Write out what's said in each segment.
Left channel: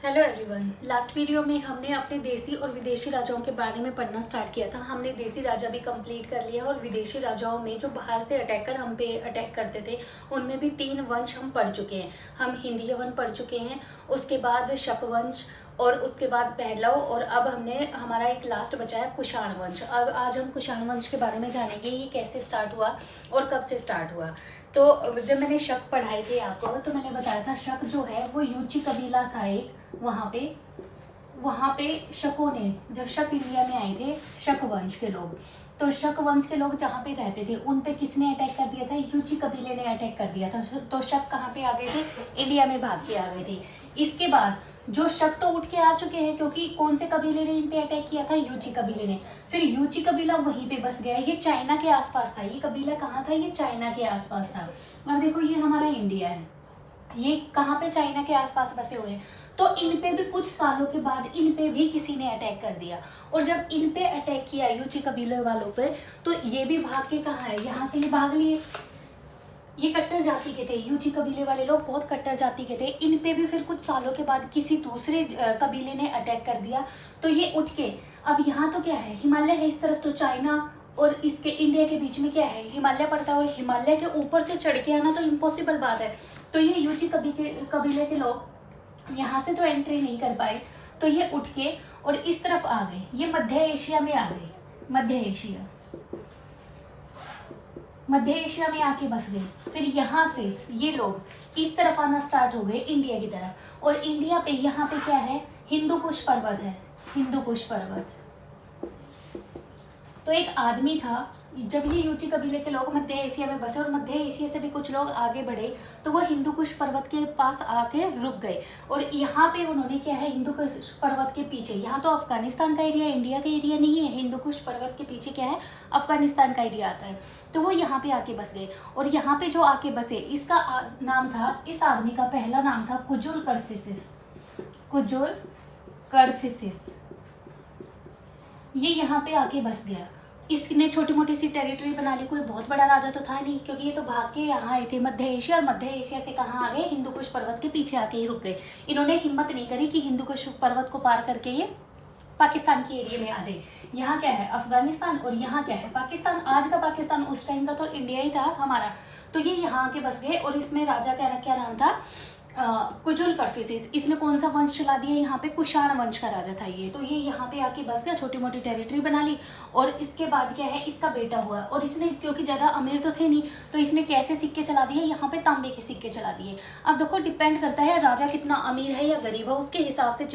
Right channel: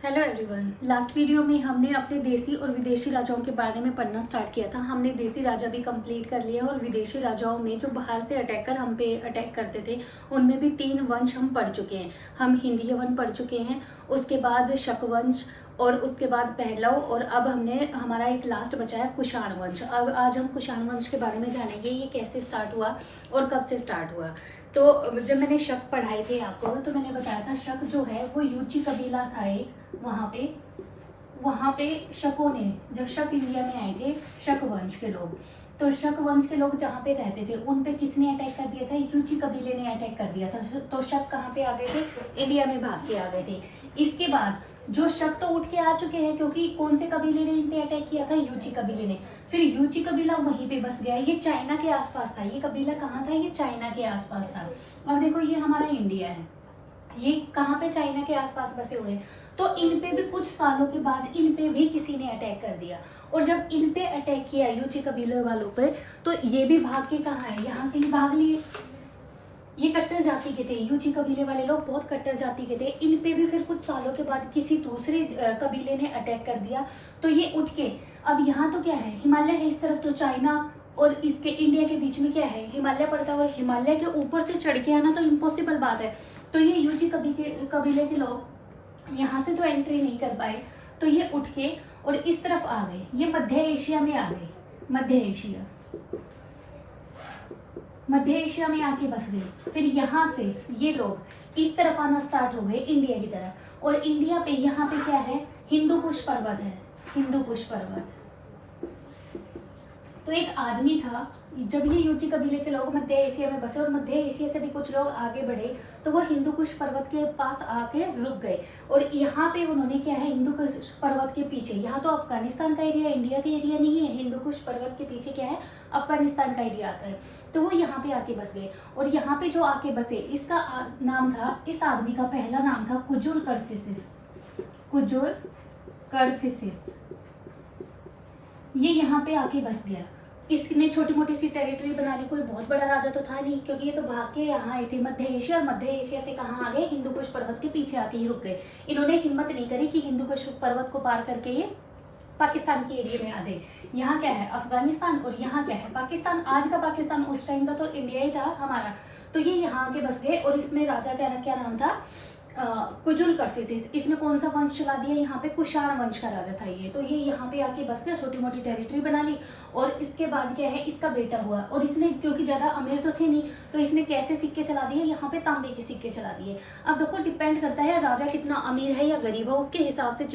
Hello everyone. Last video में हमने अपने देसी और विदेशी राजाओं के बारे में पढ़ना स्टार्ट किया था। हमने देसी राजा भी कंप्लीट कर लिया और विदेशी राजाओं में जो बाहर से अटैक कर हम पे अटैक करते थे उनमें भी 3 वंश हम पढ़ चुके हैं। हम हिंदी वन पढ़ चुके हैं, उसके बाद शक वंश और उसके बाद पहलव, और अब हमने हमारा एक लास्ट बचा है कुषाण वंश। अब आज हम कुषाण वंश के बारे में जानेंगे, ये कैसे स्टार्ट हुआ और कब से स्टार्ट हुआ। तो जब मैंने शक पढ़ाए थे आपको तो मैंने बताया था शक जो है वो यूची कबीला था एक। वहाँ पे शकों ने, जब शक इंडिया में आए थे शक वंश के लोग, तो शक वंश के लोग जहाँ पे रहते थे उन पे किसने अटैक कर दिया था? यूची कबीले ने अटैक कर दिया था। तो शक कहाँ पे आ गए थे? इंडिया में भाग के आ गए थे। इसके बाद जो शक तो उठ के आ चुके हैं, क्योंकि कौन से कबीले ने इन पे अटैक किया था? यूची कबीले ने। फिर यूची कबीला वहीं पे बस गया। ये चाइना के आसपास था। ये कबीला कहाँ था? ये चाइना के आसपास था। अब देखो ये हमारा इंडिया है, ये कहाँ पे? चाइना के आसपास बसे हुए हैं। तो इन पे भी कुछ सालों के बाद इन पे भी किसी ने अटैक कर दिया, और जब इन पे अटैक किया यूची कबीले वालों पे, तो ये भी भाग के कहाँ है? यहाँ से ये भाग लिए। ये कट्टर जाति के थे, यूची कबीले वाले लोग बहुत कट्टर जाति के थे। इन पे भी फिर कुछ सालों के बाद किसी दूसरे कबीले ने अटैक कर दिया, तो ये उठ के, अब यहाँ तो क्या है? हिमालय है इस तरफ, तो चाइना और इसके इंडिया के बीच में क्या है? हिमालय पड़ता है, और हिमालय के ऊपर से चढ़ के आना तो इम्पॉसिबल बात है। तो ये यूची कबीले के लोग यहाँ से तो एंट्री नहीं कर पाए, तो ये उठ के और इस तरफ आ गए। ये मध्य एशिया में आ गए। मध्य एशिया में आके बस गए। फिर यहाँ से ये लोग इस तरफ आना स्टार्ट हो गए, इंडिया की तरफ। और इंडिया पे यहाँ पे क्या है? हिंदू कुश पर्वत है। हिंदू कुश पर्वत। तो एक आदमी था, जब ये यूची कबीले के लोग मध्य एशिया में बसे और मध्य एशिया से भी कुछ लोग आगे बढ़े, तो वो हिंदू कुश पर्वत के पास आके रुक गए। और यहाँ पे उन्होंने क्या है? हिंदू कुश पर्वत के पीछे, यहाँ तो अफगानिस्तान का एरिया, इंडिया का एरिया नहीं है। हिंदू कुश पर्वत के पीछे क्या है? अफगानिस्तान का एरिया आता है। तो वो यहाँ पे आके बस गए, और यहाँ पे जो आके बसे, इसका नाम था, इस आदमी का पहला नाम था कुजुल कडफिसिस। कुजुल कडफिसिस। ये यहाँ पे आके बस गया। इसने छोटी मोटी सी टेरिटरी बना ली। कोई बहुत बड़ा राजा तो था नहीं, क्योंकि ये तो भाग के यहाँ आए थे मध्य एशिया, और मध्य एशिया से कहाँ आ गए? हिंदू कुश पर्वत के पीछे आके ही रुक गए। इन्होंने हिम्मत नहीं करी कि हिंदू कुश पर्वत को पार करके ये पाकिस्तान के एरिया में आ जाए। यहाँ क्या है? अफगानिस्तान, और यहाँ क्या है? पाकिस्तान। आज का पाकिस्तान, उस टाइम का तो इंडिया ही था हमारा। तो ये यहाँ आके बस गए, और इसमें राजा क्या नाम था? कुजुल कडफिसिस। इसने कौन सा वंश चला दिया? यहाँ पे कुषाण वंश का राजा था ये। तो ये यहाँ पे आके बस गया, छोटी मोटी टेरिटरी बना ली, और इसके बाद क्या है? इसका बेटा हुआ, और इसने, क्योंकि ज़्यादा अमीर तो थे नहीं, तो इसने कैसे सिक्के चला दिए? यहाँ पे तांबे के सिक्के चला दिए। अब देखो, डिपेंड करता है राजा कितना अमीर है या गरीब है, उसके हिसाब से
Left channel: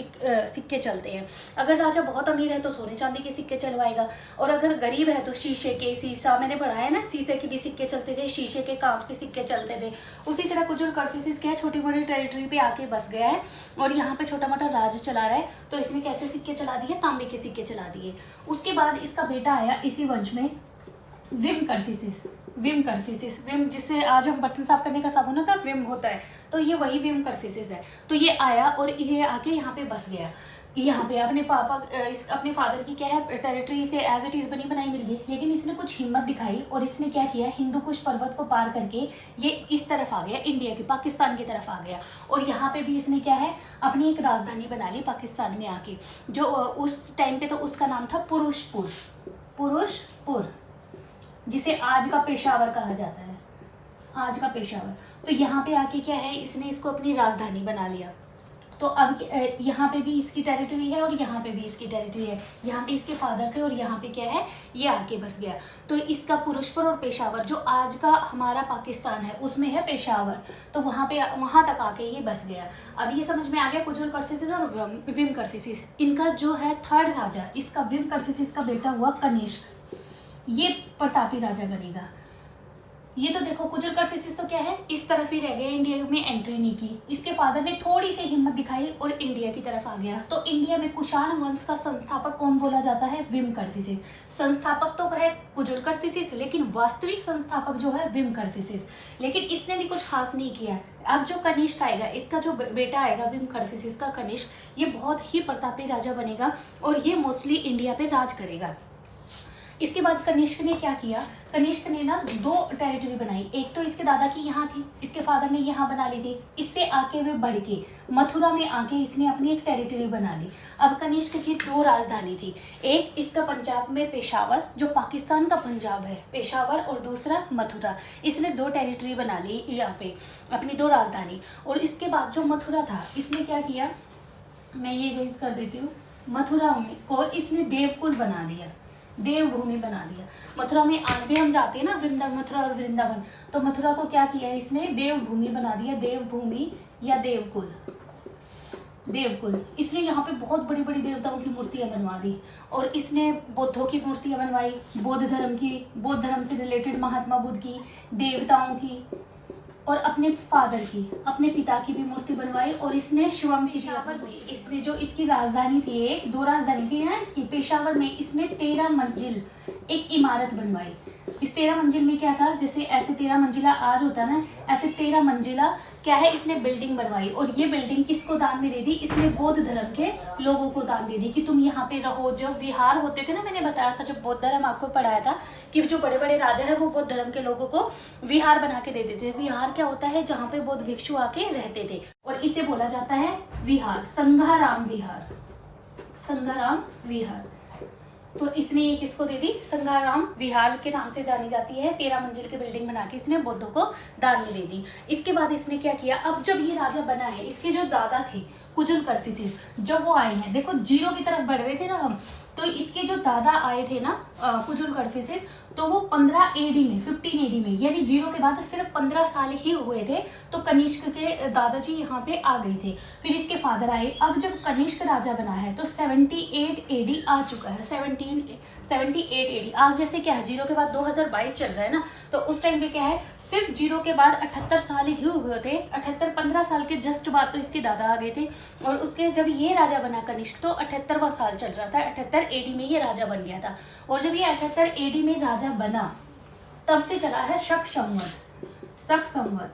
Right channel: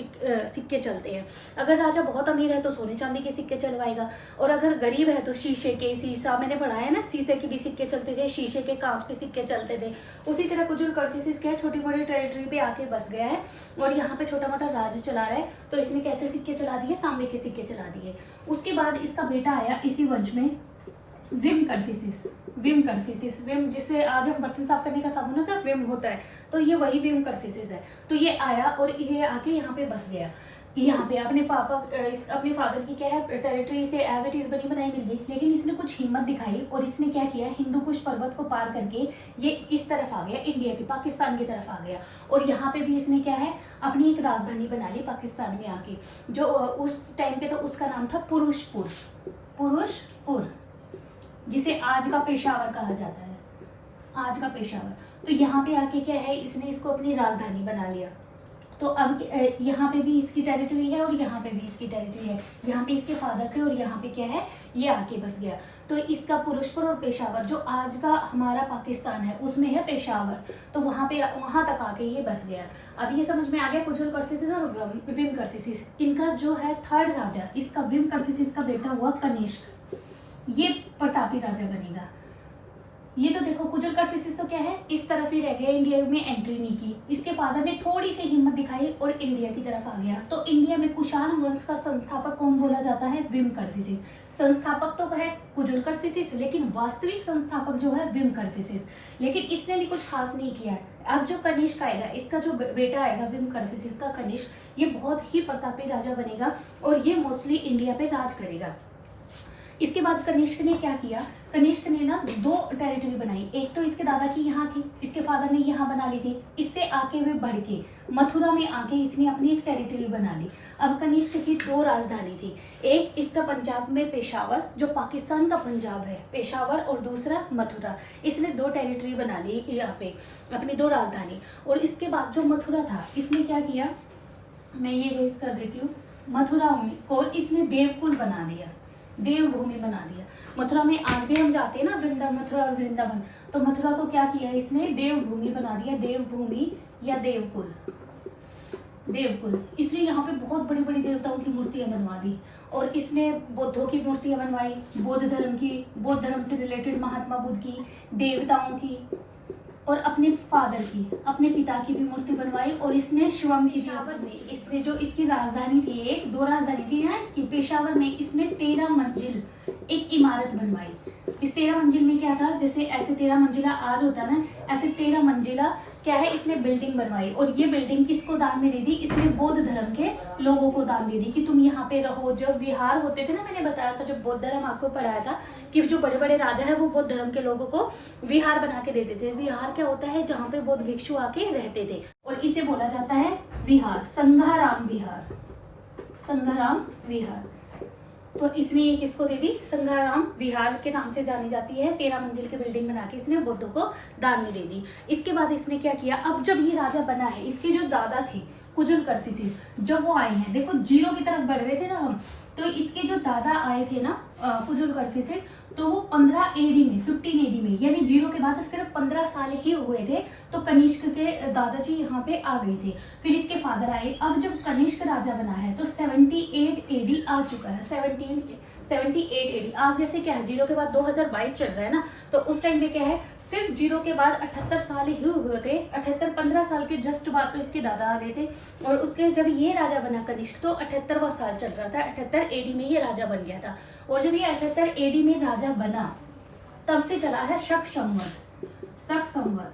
सिक्के चलते हैं। अगर राजा बहुत अमीर है तो सोने चांदी के सिक्के चलवाएगा, और अगर गरीब है तो शीशे के, शीशा मैंने पढ़ा है ना, शीशे के भी सिक्के चलते थे, शीशे के, कांच के सिक्के चलते थे। उसी तरह कुजुल कडफिसिस क्या है? छोटी मोटी टेरिटरी पे आके बस गया है, और यहाँ पे छोटा मोटा राज चला रहा है। तो इसने कैसे सिक्के चला दिए? तांबे के सिक्के चला दिए। उसके बाद इसका बेटा आया इसी वंश में, विम कडफिसिस। विम जिससे आज हम बर्तन साफ करने का साबुन होता है, विम होता है, तो ये वही विम कडफिसिस है। तो ये आया और ये आके यहाँ पे बस गया। यहाँ पे अपने फादर की क्या है? टेरिटरी से एज इट इज बनी बनाई मिल गई, लेकिन इसने कुछ हिम्मत दिखाई, और इसने क्या किया? हिंदू कुश पर्वत को पार करके ये इस तरफ आ गया, इंडिया की, पाकिस्तान की तरफ आ गया। और यहाँ पे भी इसने क्या है? अपनी एक राजधानी बना ली पाकिस्तान में आके, जो उस टाइम पे तो उसका नाम था पुरुषपुर, जिसे आज का पेशावर कहा जाता है, आज का पेशावर। तो यहाँ पे आके क्या है? इसने इसको अपनी राजधानी बना लिया। तो अब यहाँ पे भी इसकी टेरिटरी है, और यहाँ पे भी इसकी टेरिटरी है। यहाँ पे इसके फादर थे, और यहाँ पे क्या है? ये आके बस गया। तो इसका पुरुषपुर और पेशावर, जो आज का हमारा पाकिस्तान है, उसमें है पेशावर, तो वहाँ तक आके ये बस गया। अब ये समझ में आ गया कुजुल कडफिसिस और विम कडफिसिस। इनका जो है थर्ड राजा, इसका विम कडफिसिस का बेटा हुआ कनिष्क, ये प्रतापी राजा बनेगा। ये तो देखो, कुजुल कडफिसिस तो क्या है? इस तरफ ही रह गया, इंडिया में एंट्री नहीं की। इसके फादर ने थोड़ी सी हिम्मत दिखाई और इंडिया की तरफ आ गया। तो इंडिया में कुषाण वंश का संस्थापक कौन बोला जाता है? विम कडफिसिस। संस्थापक तो है कुजुल कडफिसिस, लेकिन वास्तविक संस्थापक जो है विम कडफिसिस। लेकिन इसने भी कुछ खास नहीं किया। अब जो कनिष्क आएगा, इसका जो बेटा आएगा विम कडफिसिस का कनिष्क, ये बहुत ही प्रतापी राजा बनेगा, और ये मोस्टली इंडिया पे राज करेगा। इसके बाद कनिष्क ने क्या किया, कनिष्क ने ना 2 टेरिटरी बनाई। एक तो इसके दादा की यहाँ थी, इसके फादर ने यहाँ बना ली थी। इससे आके वे बढ़ के मथुरा में आके इसने अपनी एक टेरिटरी बना ली। अब कनिष्क की 2 राजधानी थी, एक इसका पंजाब में पेशावर, जो पाकिस्तान का पंजाब है, पेशावर, और दूसरा मथुरा। इसने 2 टेरिटरी बना ली यहाँ पे, अपनी 2 राजधानी। और इसके बाद जो मथुरा था, इसने क्या किया, मैं ये रेज कर देती हूँ, मथुरा को इसने देवकुल बना दिया, देवभूमि बना दिया। मथुरा में आज भी हम जाते हैं ना, वृंदावन, मथुरा और वृंदावन, तो मथुरा को क्या किया इसने, देवभूमि बना दिया, देवभूमि या देवकुल, देवकुल। इसने यहाँ पे बहुत बड़ी बड़ी देवताओं की मूर्तियां बनवा दी। और इसने बुद्धों की मूर्तियां बनवाई, बौद्ध धर्म की, बौद्ध धर्म से रिलेटेड महात्मा बुद्ध की, देवताओं की, और अपने फादर की, अपने पिता की भी मूर्ति बनवाई। और इसने शिवम की, पेशावर में इसने जो इसकी राजधानी थी, एक 2 राजधानी थी यहाँ इसकी, पेशावर में इसने 13 मंजिल एक इमारत बनवाई। इस 13 मंजिल में क्या था, जैसे ऐसे 13 मंजिला आज होता है ना, ऐसे 13 मंजिला क्या है, इसने बिल्डिंग बनवाई। और ये बिल्डिंग किसको दान में दे दी, इसने बौद्ध धर्म के लोगों को दान दे दी कि तुम यहाँ पे रहो। जब विहार होते थे ना, मैंने बताया था जब बौद्ध धर्म आपको पढ़ाया था कि जो बड़े बड़े राजा है वो बौद्ध धर्म के लोगों को विहार बना के देते थे। विहार क्या होता है, जहाँ पे बौद्ध भिक्षु आके रहते थे, और इसे बोला जाता है विहार, संघाराम विहार, संघाराम विहार। तो इसने ये किसको दे दी, संघाराम विहार के नाम से जानी जाती है। 13 मंजिल की बिल्डिंग बना के इसने बौद्धों को दान में दे दी। इसके बाद इसने क्या किया, अब जब ये राजा बना है, इसके जो दादा थे कुजुल कर्फिसिस, जब वो आए हैं, देखो 0 की तरफ बढ़ रहे थे ना हम, तो इसके जो दादा आए थे ना कुजुल कर्फिसिस, तो वो 15 एडी में, 15 एडी में, यानी 0 के बाद सिर्फ 15 साल ही हुए थे, तो कनिष्क के दादाजी यहाँ पे आ गए थे। फिर इसके फादर आए। अब जब कनिष्क राजा बना है तो 78 एडी आ चुका है, 78 एडी। आज जैसे क्या है, 0 के बाद 2022 चल रहा है ना, तो उस टाइम पे क्या है, सिर्फ 0 के बाद 78 साल ही हुए थे। 78, 15 साल के जस्ट बाद तो इसके दादा आ गए थे। और उसके जब ये राजा बना कनिष्क, तो 78वां साल चल रहा था, 78 एडी में ये राजा बन गया था। और जब ये 78 एडी में राजा बना, तब से चला है शक संवत, शक संवत।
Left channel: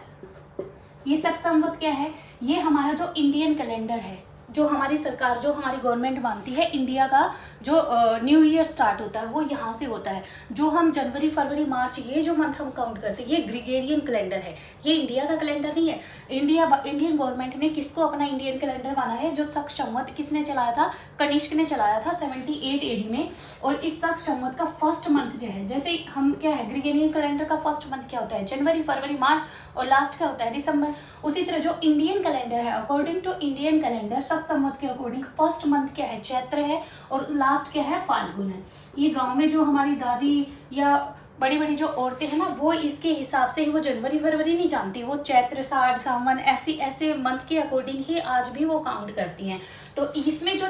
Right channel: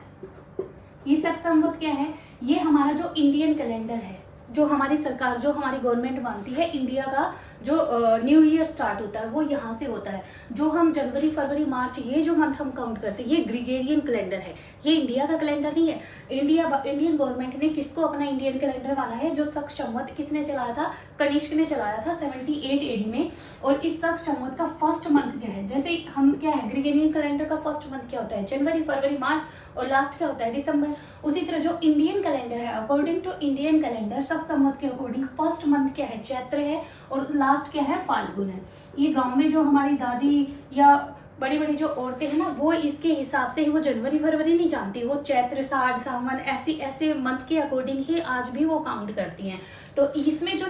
ये शक संवत क्या है, ये हमारा जो इंडियन कैलेंडर है, जो हमारी सरकार, जो हमारी गवर्नमेंट मानती है, इंडिया का जो न्यू ईयर स्टार्ट होता है वो यहाँ से होता है। जो हम जनवरी, फरवरी, मार्च, ये जो मंथ हम काउंट करते हैं, ये ग्रीगोरियन कैलेंडर है, ये इंडिया का कैलेंडर नहीं है। इंडियन गवर्नमेंट ने किसको अपना इंडियन कैलेंडर माना है, जो शक संवत किसने चलाया था, कनिष्क ने चलाया था 78 एडी में। और इस शक संवत का फर्स्ट मंथ जो है, जैसे हम क्या है, ग्रीगोरियन कैलेंडर का फर्स्ट मंथ क्या होता है, जनवरी, फरवरी, मार्च, और लास्ट क्या होता है, दिसंबर। उसी तरह जो इंडियन कैलेंडर है, अकॉर्डिंग टू इंडियन कैलेंडर, शक संवत के अकॉर्डिंग फर्स्ट मंथ क्या है, चैत्र है, और लास्ट क्या है, फाल्गुन है। ये गांव में जो हमारी दादी या बड़ी बड़ी जो औरतें हैं ना, वो इसके हिसाब से ही, वो जनवरी फरवरी नहीं जानती, वो चैत्र, साठ, सावन, ऐसे मंथ के अकॉर्डिंग ही आज भी वो काउंट करती हैं। तो इसमें जो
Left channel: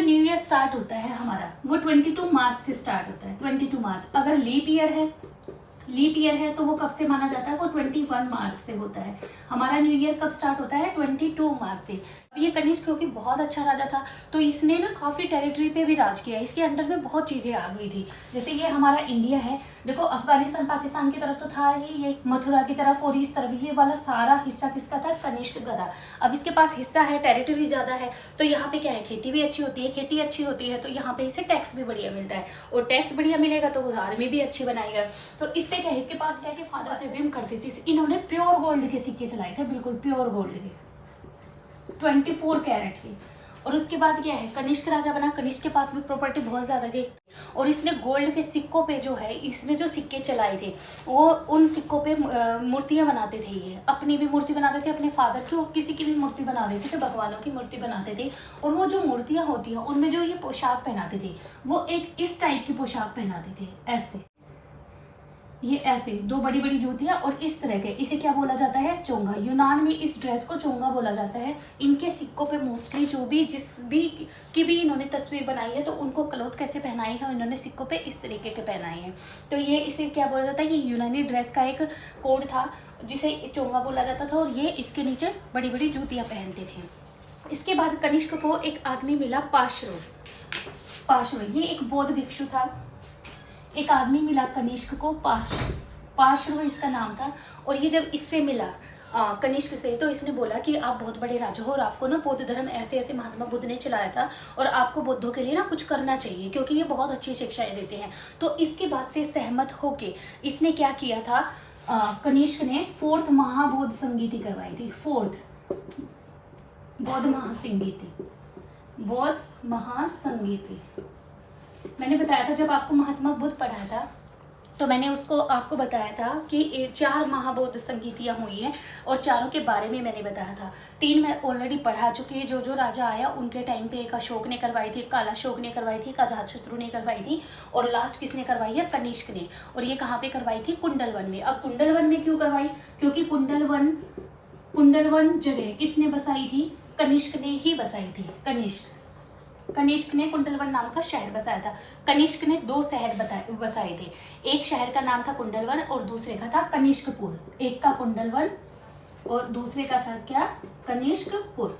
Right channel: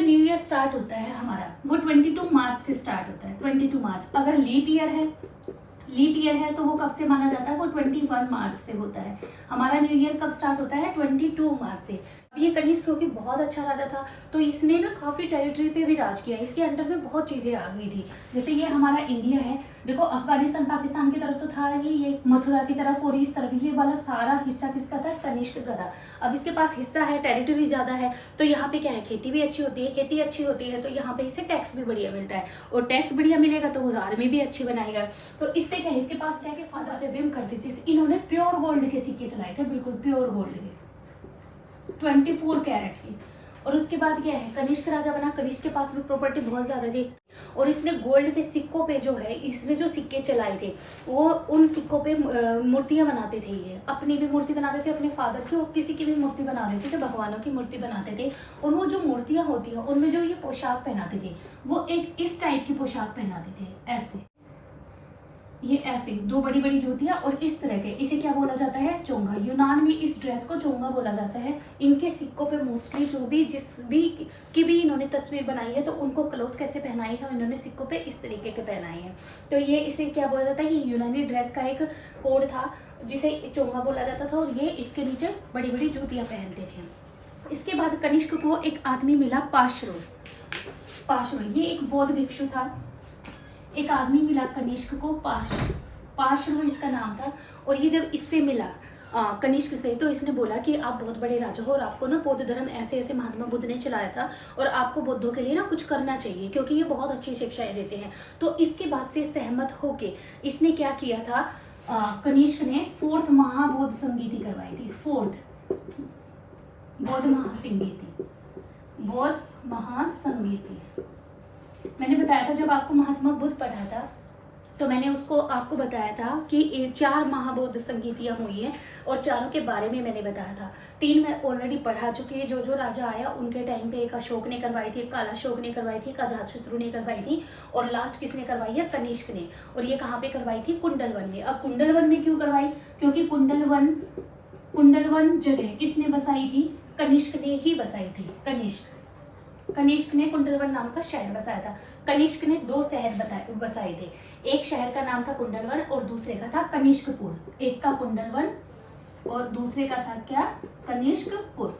न्यू ईयर स्टार्ट होता है हमारा, वो 22 मार्च से स्टार्ट होता है, 22 मार्च। अगर लीप ईयर है तो वो कब से माना जाता है, वो 21 मार्च से होता है। हमारा न्यू ईयर कब स्टार्ट होता है, 22 मार्च से। ये कनिष्क क्योंकि बहुत अच्छा राजा था, तो इसने ना काफ़ी टेरिटरी पे भी राज किया। इसके अंडर में बहुत चीज़ें आ गई थी। जैसे ये हमारा इंडिया है, देखो अफगानिस्तान पाकिस्तान की तरफ तो था ही, ये मथुरा की तरफ और इस तरफ, ये वाला सारा हिस्सा किसका था, कनिष्क का था। अब इसके पास हिस्सा है, टेरिटरी ज़्यादा है, तो यहाँ पे क्या है, खेती भी अच्छी होती है। खेती अच्छी होती है तो यहाँ पे इसे टैक्स भी बढ़िया मिलता है, और टैक्स बढ़िया मिलेगा तो आर्मी भी अच्छी बनाएगा। तो इससे क्या है, इसके पास क्या है कि फादर थे विम कर्फिसिस, इन्होंने प्योर गोल्ड के सिक्के चलाए थे, बिल्कुल प्योर गोल्ड के, 24 कैरेट की। और उसके बाद क्या है, कनिष्क राजा बना, कनिष्क के पास भी प्रॉपर्टी बहुत ज़्यादा थी, और इसने गोल्ड के सिक्कों पे जो है, इसने जो सिक्के चलाए थे, वो उन सिक्कों पे मूर्तियां बनाते थे। ये अपनी भी मूर्ति बनाते थे, अपने फादर की, और किसी की भी मूर्ति बना देते थे, भगवानों की मूर्ति बनाते थे। और वो जो मूर्तियां होती हैं, उनमें जो ये पोशाक पहनाते थे, वो एक इस टाइप की पोशाक पहनाते थे, ऐसे, ये ऐसे 2 बड़ी बड़ी जूतियां और इस तरह के, इसे क्या बोला जाता है, चोंगा। यूनान में इस ड्रेस को चोंगा बोला जाता है। इनके सिक्कों पे मोस्टली जो भी जिस भी की भी इन्होंने तस्वीर बनाई है, तो उनको क्लॉथ कैसे पहनाई है, इन्होंने सिक्कों पे इस तरीके के पहनाए हैं। तो ये इसे क्या बोला जाता है, ये यूनानी ड्रेस का एक कोड था जिसे चोंगा बोला जाता था, और ये इसके नीचे बड़ी बड़ी जूतियाँ पहनते थे। इसके बाद कनिष्क को एक आदमी मिला, पाशरो, ये एक बौद्ध भिक्षु था। एक आदमी मिला कनिष्क को, पाशरो इसका नाम था। और ये जब इससे मिला, कनिष्क से। तो इसने बोला कि आप बहुत बड़े राजा हो और आपको ना बौद्ध धर्म ऐसे ऐसे महात्मा बुद्ध ने चलाया था और आपको बौद्धों के लिए ना कुछ करना चाहिए क्योंकि ये बहुत अच्छी शिक्षाएं देते हैं। तो इसके बाद से सहमत होके इसने क्या किया था, कनिष्क ने 4th महाबौद्ध संगीति करवाई थी। 4th बौद्ध महासंगीति। मैंने बताया था जब आपको महात्मा बुद्ध पढ़ाया था तो मैंने उसको आपको बताया था कि 4 महाबौद्ध संगीतियाँ हुई हैं और चारों के बारे में मैंने बताया था। 3 मैं ऑलरेडी पढ़ा चुकी है। जो राजा आया उनके टाइम पे एक अशोक ने करवाई थी, काला अशोक ने करवाई थी, अजातशत्रु ने करवाई थी और लास्ट किसने करवाई है, कनिष्क ने। और ये कहाँ पे करवाई थी, कुंडलवन में। अब कुंडलवन में क्यों करवाई, क्योंकि कुंडलवन जगह किसने बसाई थी, कनिष्क ने ही बसाई थी। कनिष्क ने कुंडलवन नाम का शहर बसाया था। कनिष्क ने 2 शहर बसाए थे। एक शहर का नाम था कुंडलवन और दूसरे का था कनिष्कपुर। एक का कुंडलवन और दूसरे का था क्या, कनिष्कपुर।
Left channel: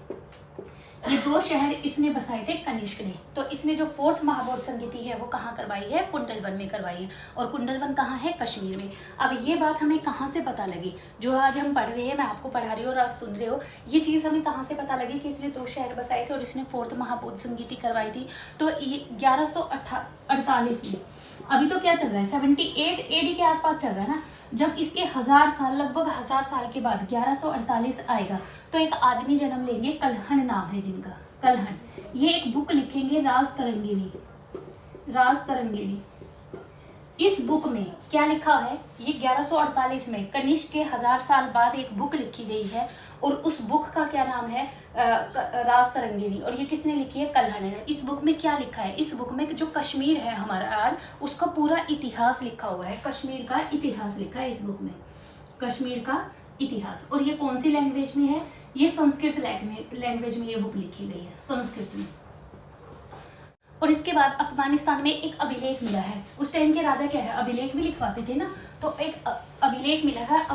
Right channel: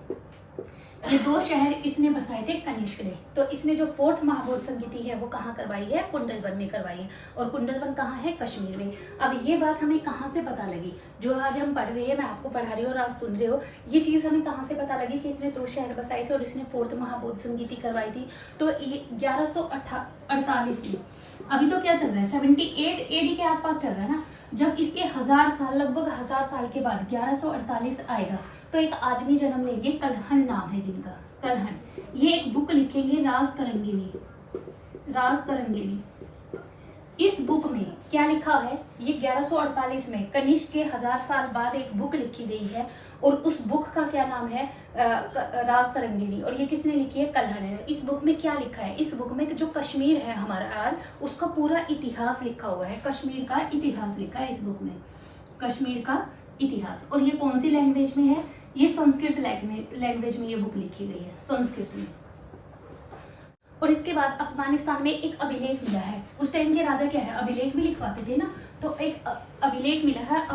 ये 2 शहर इसने बसाए थे कनिष्क ने। तो इसने जो 4th महाबौद्ध संगीति है वो कहाँ करवाई है, कुंडलवन में करवाई है। और कुंडलवन कहाँ है, कश्मीर में। अब ये बात हमें कहाँ से पता लगी, जो आज हम पढ़ रहे हैं, मैं आपको पढ़ा रही हूँ और आप सुन रहे हो, ये चीज़ हमें कहाँ से पता लगी कि इसने 2 शहर बसाए थे और इसने 4th महाबौद्ध संगीति करवाई थी। तो ये 1148 में, अभी तो क्या चल रहा है, 78 AD के आसपास चल रहा है ना। जब इसके 1000 साल, लगभग 1000 साल के बाद 1148 आएगा तो एक आदमी जन्म लेंगे, कल्हण नाम है जिनका, कल्हण। ये एक बुक लिखेंगे, राजतरंगिणी। इस बुक में क्या लिखा है, ये 1148 में कनिष्क के 1000 साल बाद एक बुक लिखी गई है और उस बुक का क्या नाम है, राजतरंगिणी। और ये किसने लिखी है, कल्हण ने। इस बुक में क्या लिखा है, इस बुक में जो कश्मीर है हमारा आज, उसका पूरा इतिहास लिखा हुआ है। कश्मीर का इतिहास लिखा है इस बुक में, कश्मीर का इतिहास। और ये कौन सी लैंग्वेज में है, ये संस्कृत लैंग्वेज में ये बुक लिखी गई है, संस्कृत में। और इसके बाद अफगानिस्तान में एक अभिलेख मिला है। उस टाइम के राजा क्या है, अभिलेख भी लिखवाते थे ना, तो एक अभिलेख मिला है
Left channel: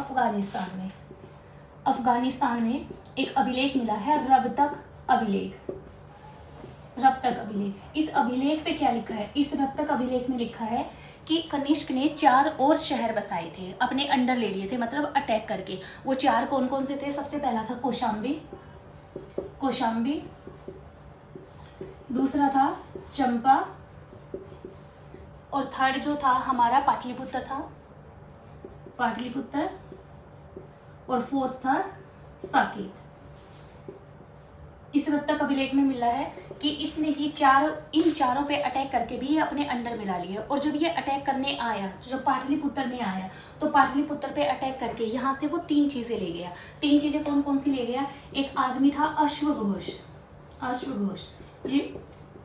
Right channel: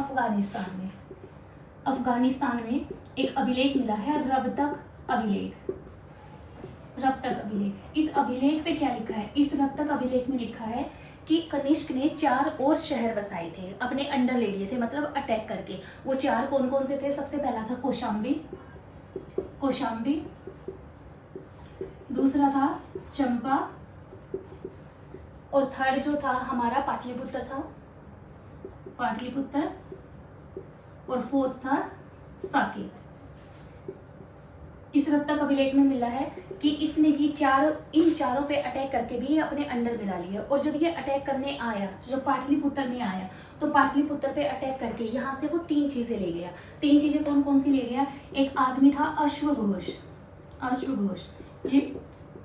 अफगानिस्तान में एक अभिलेख मिला है, रबतक अभिलेख। इस अभिलेख पे क्या लिखा है, इस रबतक अभिलेख में लिखा है कि कनिष्क ने 4 और शहर बसाए थे, अपने अंडर ले लिए थे, मतलब अटैक करके। वो 4 कौन कौन से थे, सबसे पहला था कौशाम्बी, दूसरा था चंपा और थर्ड जो था हमारा पाटलिपुत्र और 4th था साकेत। इस रबतक अभिलेख में मिला है कि इसने इन चारों पे अटैक करके भी अपने अंडर में ला लिया। और जब ये अटैक करने आया, जो पाटलिपुत्र में आया, तो पाटलिपुत्र पे अटैक करके यहाँ से वो 3 चीजें ले गया। 3 चीजें कौन कौन सी ले गया, एक आदमी था अश्वघोष। ये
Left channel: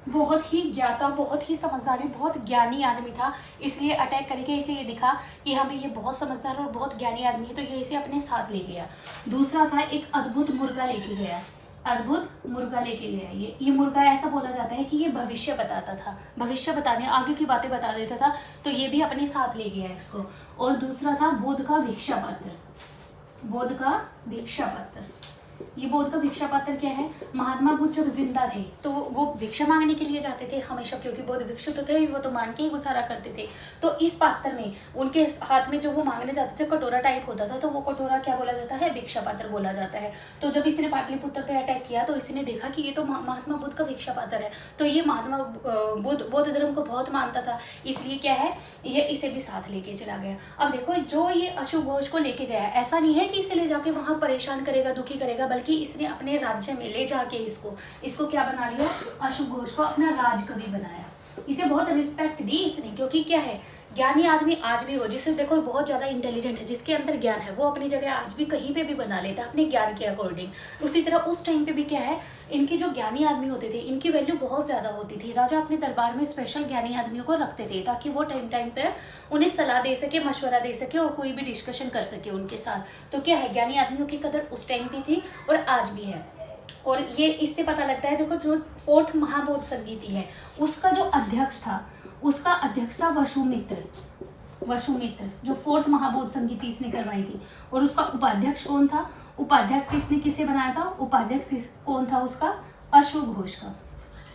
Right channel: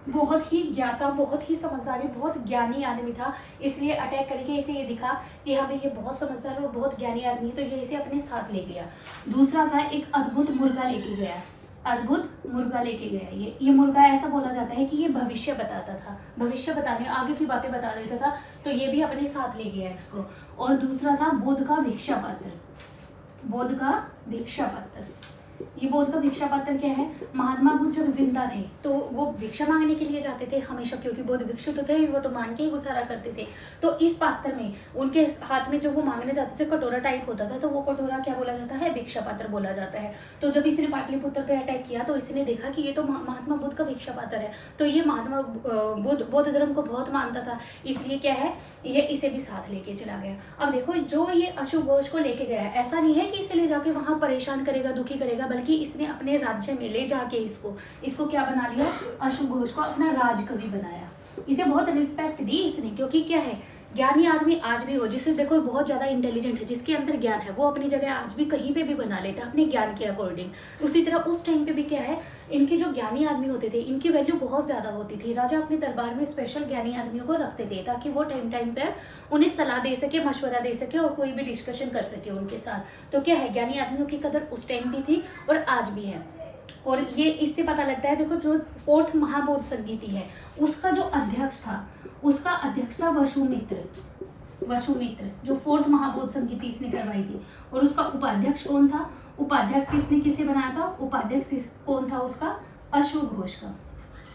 बहुत ही ज्ञाता, बहुत ही समझदार, बहुत ज्ञानी आदमी था, इसलिए अटैक करके इसे ये दिखा कि हमें ये बहुत समझदार और बहुत ज्ञानी आदमी है, तो ये इसे अपने साथ ले गया। दूसरा था एक अद्भुत मुर्गा लेके गया। ये मुर्गा ऐसा बोला जाता है कि ये भविष्य बताता था, भविष्य बताने, आगे की बातें बता देता था, तो ये भी अपने साथ ले गया इसको। और दूसरा था बोध का भिक्षा पात्र। ये बौद्ध का भिक्षा पात्र क्या है, महात्मा बुद्ध जब जिंदा थे तो वो भिक्षा मांगने के लिए जाते थे हमेशा, क्योंकि बौद्ध भिक्षु तो थे, वो तो मांग के ही गुजारा करते थे। तो इस पात्र में उनके हाथ में जो वो मांगने जाते थे कटोरा टाइप होता था, तो वो कटोरा क्या बोला जाता है, भिक्षा पात्र बोला जाता है। तो जब इसने पाटलिपुत्र पे अटैक किया तो इसने देखा कि ये तो महात्मा बुद्ध का भिक्षा पात्र है, तो ये महात्मा बौद्ध धर्म को बहुत मानता था, इसलिए क्या है, ये इसे भी साथ लेके चला गया। अब देखो, जो ये अशुभ घोष को लेके गया, ऐसा नहीं है कि इसे ले जाके वहां परेशान करेगा, दुखी करेगा, बल्कि इसने अपने राज्य में ले जाके इसको क्या बना लिया, अशुभ घोष को अपना राजकवि बनाया। इसे बहुत रिस्पेक्ट दी इसने, क्योंकि क्या है, ज्ञानी आदमी आज भी हो, जिसे देखो बहुत ज्यादा इंटेलिजेंट है, जिसके अंदर ज्ञान है, वो अपनी जगह आज भी कहीं पे भी बना लेता है अपने ज्ञान के अकॉर्डिंग। उसी तरह उस टाइम पे भी क्या है, इनके जो ज्ञानी आदमी होते थे इनकी वैल्यू बहुत ज्यादा होती थी। राजा अपने दरबार में स्पेशल ज्ञानी आदमियों को रखते थे ताकि वो टाइम पे उन्हें सलाह दे सके, मशवरा दे सके और कोई भी डिस्कशन कर सके उनके साथ। तो क्या है, ज्ञानी आदमियों की कदर उस टाइम भी थी और आज भी है। और ये इससे पता लगता है, देखो जो 4th महाबौद्ध संगीति है उसका जो अध्यक्ष था, उसका अध्यक्ष था वसुमित्र, जो 4th महाबौद्ध संगीति इसने करवाई थी। और उसका उपाध्यक्ष कौन था, उपाध्यक्ष इसने किसे बनाया था, उपाध्यक्ष कौन था उसका, अशुभ घोष का।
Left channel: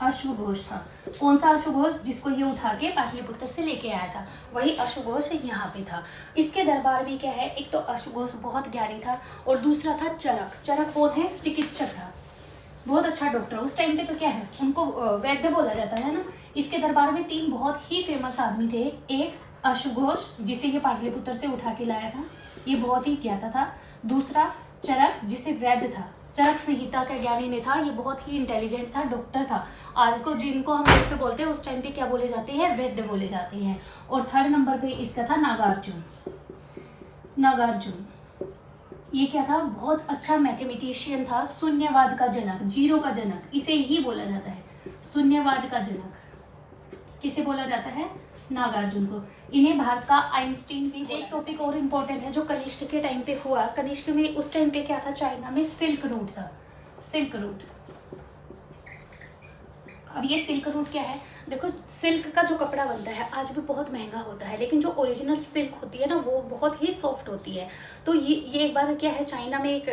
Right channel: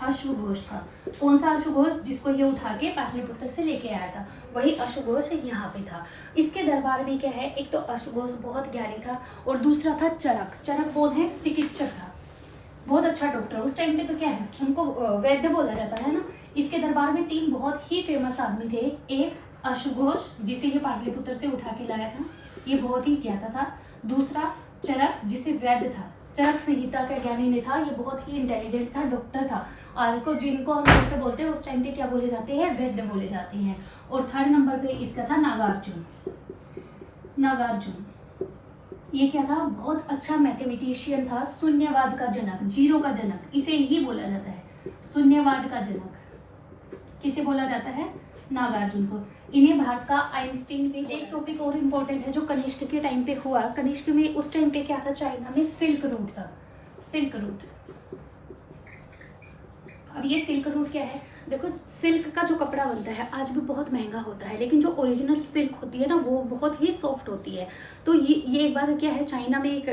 अश्वघोष था। कौन सा अश्वघोष? जिसको ये उठा के पाटलिपुत्र से लेके आया था, वही अश्वघोष यहाँ पे था। इसके दरबार में क्या है, एक तो अश्वघोष बहुत ज्ञानी था और दूसरा था चरक। चरक कौन है? चिकित्सक था, बहुत अच्छा डॉक्टर। उस टाइम पे तो क्या है, उनको वैद्य बोला जाता है ना। इसके दरबार में 3 बहुत ही फेमस आदमी थे। एक अश्वघोष, जिसे ये पाटलिपुत्र से उठा के लाया था, ये बहुत ही ज्ञाता था। दूसरा चरक, जिसे वैद्य था, चरक संहिता का ज्ञानी ने था, ये बहुत ही इंटेलिजेंट था, डॉक्टर था। आज को जिनको हम डॉक्टर बोलते हैं, उस टाइम पे क्या बोले जाते हैं? वैद्य बोले जाते हैं। और थर्ड नंबर पे इसका था नागार्जुन। नागार्जुन ये क्या था? बहुत अच्छा मैथमेटिशियन था, शून्यवाद का जनक, जीरो का जनक, इसे ही बोला जाता है शून्यवाद का जनक। किसे बोला जाता है? नागार्जुन को। इन्हें भारत का आइंस्टीन भी। एक टॉपिक और इम्पोर्टेंट है जो कनिष्क के टाइम पे हुआ। कनिष्क में उस टाइम पे क्या था? चाइना में सिल्क रूट था, सिल्क रूट। अब ये सिल्क रूट क्या है? देखो, सिल्क का जो कपड़ा बनता है आज भी बहुत महंगा होता है, लेकिन जो ओरिजिनल सिल्क होती है ना, वो बहुत ही सॉफ्ट होती है। तो ये एक बार क्या है, चाइना में एक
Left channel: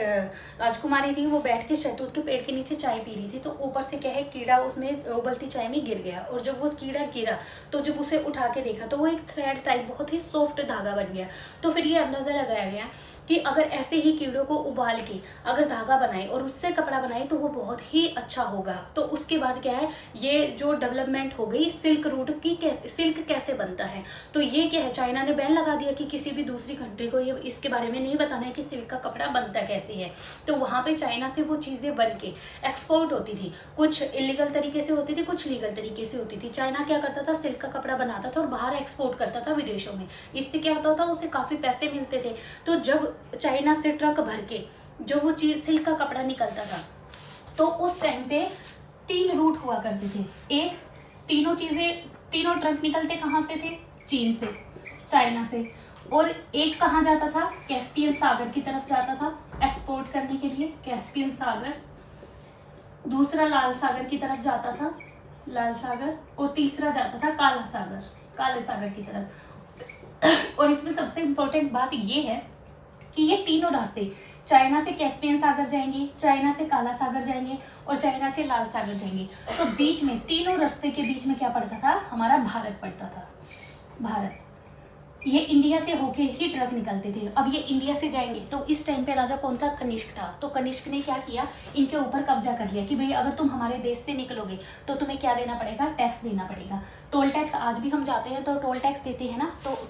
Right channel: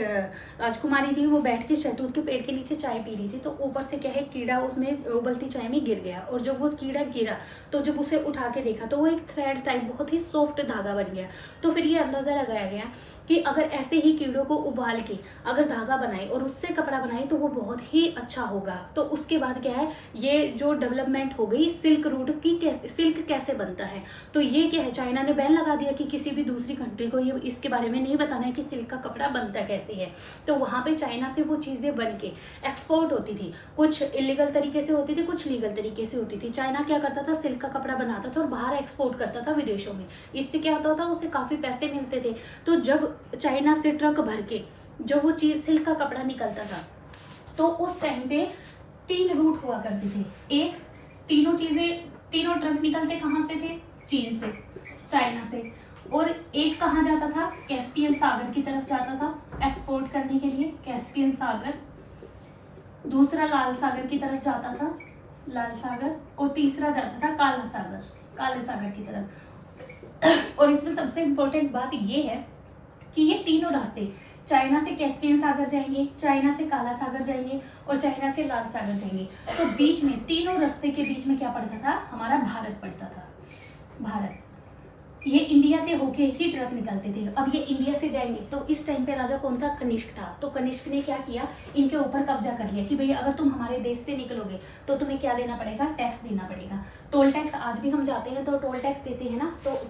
राजकुमारी थी, वो बैठ के शहतूत के पेड़ के नीचे चाय पी रही थी। तो ऊपर से क्या है, कीड़ा उसमें उबलती चाय में गिर गया, और जब वो कीड़ा गिरा तो जब उसे उठा के देखा तो वो एक थ्रेड टाइप बहुत ही सॉफ्ट धागा बन गया। तो फिर ये अंदाजा लगाया गया कि अगर ऐसे ही कीड़ों को उबाल के अगर धागा बनाए और उससे कपड़ा बनाए तो वो बहुत ही अच्छा होगा। तो उसके बाद क्या है, ये जो डेवलपमेंट हो गई सिल्क रूट की, कैसे सिल्क कैसे बनता है। तो ये क्या है, चाइना ने बैन लगा दिया कि किसी भी दूसरी कंट्री को ये इसके बारे में नहीं बताना है कि सिल्क का कपड़ा बनता कैसे है। तो वहाँ पे चाइना से वो चीज़ें बन के एक्सपोर्ट होती थी, कुछ इलीगल तरीके से होती थी, कुछ लीगल तरीके से होती थी। चाइना क्या करता था, सिल्क का कपड़ा बनाता था और बाहर एक्सपोर्ट करता था विदेशों में। इससे क्या होता था, उसे काफ़ी पैसे मिलते थे। तो जब चाइना से ट्रक भर के जो वो चीज सिल्क का कपड़ा निकलता था, तो उस टाइम पे 3 रूट हुआ करते थे। एक, तीनों ट्रक निकलते कहाँ से थे? चीन से, चाइना से। और एक कहाँ जाता था? कैस्पियन सागर की तरफ जाता था एक्सपोर्ट करने के लिए, कैस्पियन सागर। दूसरा लाल सागर की तरफ जाता था, लाल सागर। और तीसरा जाता था काला सागर, काले सागर की तरफ। और इसमें सबसे इंपॉर्टेंट बात ये है कि ये तीनों रास्ते चाइना से कैस्पियन सागर जाएंगे, चाइना से काला सागर जाएंगे और चाइना से लाल सागर जाएंगे। तो बीच में, तीनों रास्ते के बीच में क्या पड़ता था? हमारा भारत पड़ता था, भारत। ये इंडिया से होके ही ट्रक निकलते थे। अब ये इंडिया से जाएंगे तो इस टाइम पे राजा कौन था? कनिष्क था। तो कनिष्क ने क्या किया, इनके ऊपर कब्जा कर लिया कि भाई अगर तुम हमारे देश से निकलोगे तो तुम्हें क्या देना पड़ेगा? टैक्स देना पड़ेगा। टोल टैक्स आज भी हम जाते हैं तो टोल टैक्स देते हैं ना। तो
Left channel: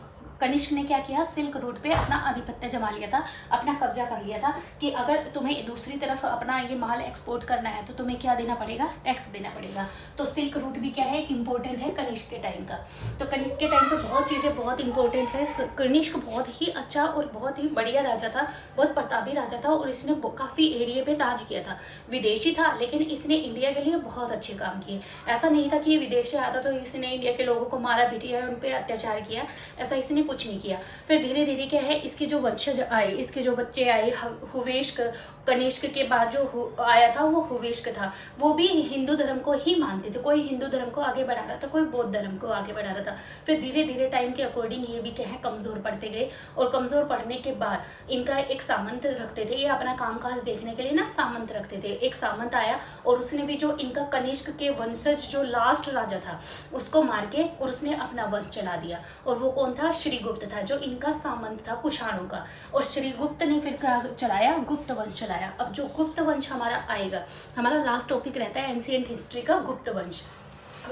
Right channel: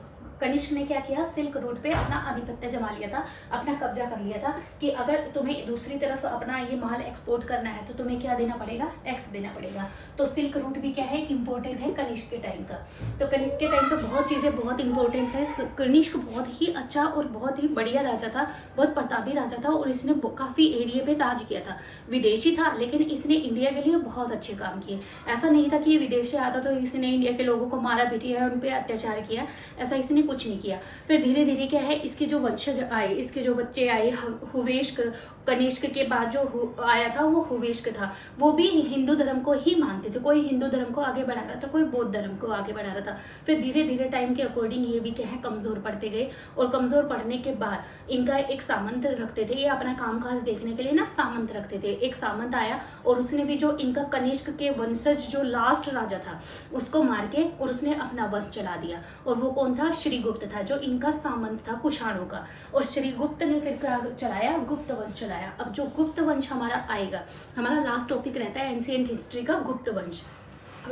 कनिष्क ने क्या किया, सिल्क रूट पे अपना आधिपत्य जमा लिया था, अपना कब्जा कर लिया था कि अगर तुम्हें दूसरी तरफ अपना ये माल एक्सपोर्ट करना है तो तुम्हें क्या देना पड़ेगा? टैक्स देना पड़ेगा। तो सिल्क रूट भी क्या है, एक इम्पोर्टेंट है कनिष्क के टाइम का। तो कनिष्क के टाइम पे बहुत चीज़ें बहुत इंपॉर्टेंट है। कनिष्क बहुत ही अच्छा और बहुत ही बढ़िया राजा था, बहुत प्रतापी राजा था और इसने काफ़ी एरिया पे राज किया था। विदेशी था लेकिन इसने इंडिया के लिए बहुत अच्छे काम किए। ऐसा नहीं था कि ये विदेश से आता तो इसने इंडिया के लोगों को मारा पीटा, उन पर अत्याचार किया, ऐसा इसने कुछ नहीं किया। फिर धीरे धीरे क्या है, इसके जो वंशज आए, इसके जो बच्चे आए, हुवेश्क, कनिष्क के बाद जो आया था वो हुवेश्क था। वो भी हिंदू धर्म को ही मानते थे, कोई हिंदू धर्म को आगे बढ़ा रहा था, कोई बौद्ध धर्म को आगे बढ़ा रहा था। फिर धीरे धीरे टाइम के अकॉर्डिंग ये भी क्या है, कमजोर पड़ते गए। और कमजोर पड़ने के बाद इनका एक सामंत रखते थे, ये अपना कामकाज देखने के लिए ना सामंत रखते थे। एक सामंत आया और उसने भी जो इनका कनिष्क के वंशज जो लास्ट राजा था उसको मार के और उसने अपना वंश चला दिया। और वो कौन था? श्रीगुप्त था, जो इनका सामंत था कुषाणों का। और श्रीगुप्त ने फिर क्या चलाया? गुप्त वंश चलाया। अब जो गुप्त वंश हमारा आएगा, हमारा लास्ट टॉपिक रहता है एंशिएंट हिस्ट्री का गुप्त वंश।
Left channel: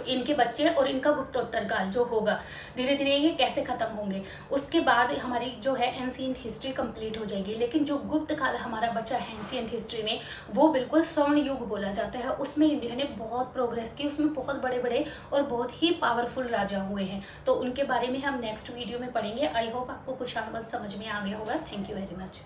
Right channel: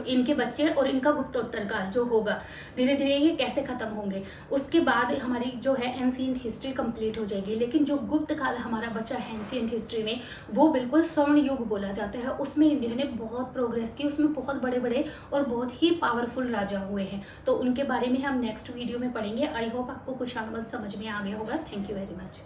इनके बच्चे और इनका गुप्तोत्तर काल जो होगा, धीरे धीरे ये कैसे खत्म होंगे, उसके बाद हमारी जो है एंशिएंट हिस्ट्री कंप्लीट हो जाएगी। लेकिन जो गुप्त काल हमारा बचा है एंशिएंट हिस्ट्री में, वो बिल्कुल स्वर्ण युग बोला जाता है। उसमें इंडिया ने बहुत प्रोग्रेस की, उसमें बहुत बड़े बड़े और बहुत ही पावरफुल राजा हुए हैं। तो उनके बारे में हम नेक्स्ट वीडियो में पढ़ेंगे। आई होप आपको कुषाण वंश समझ में आ गया होगा। Thank you very much.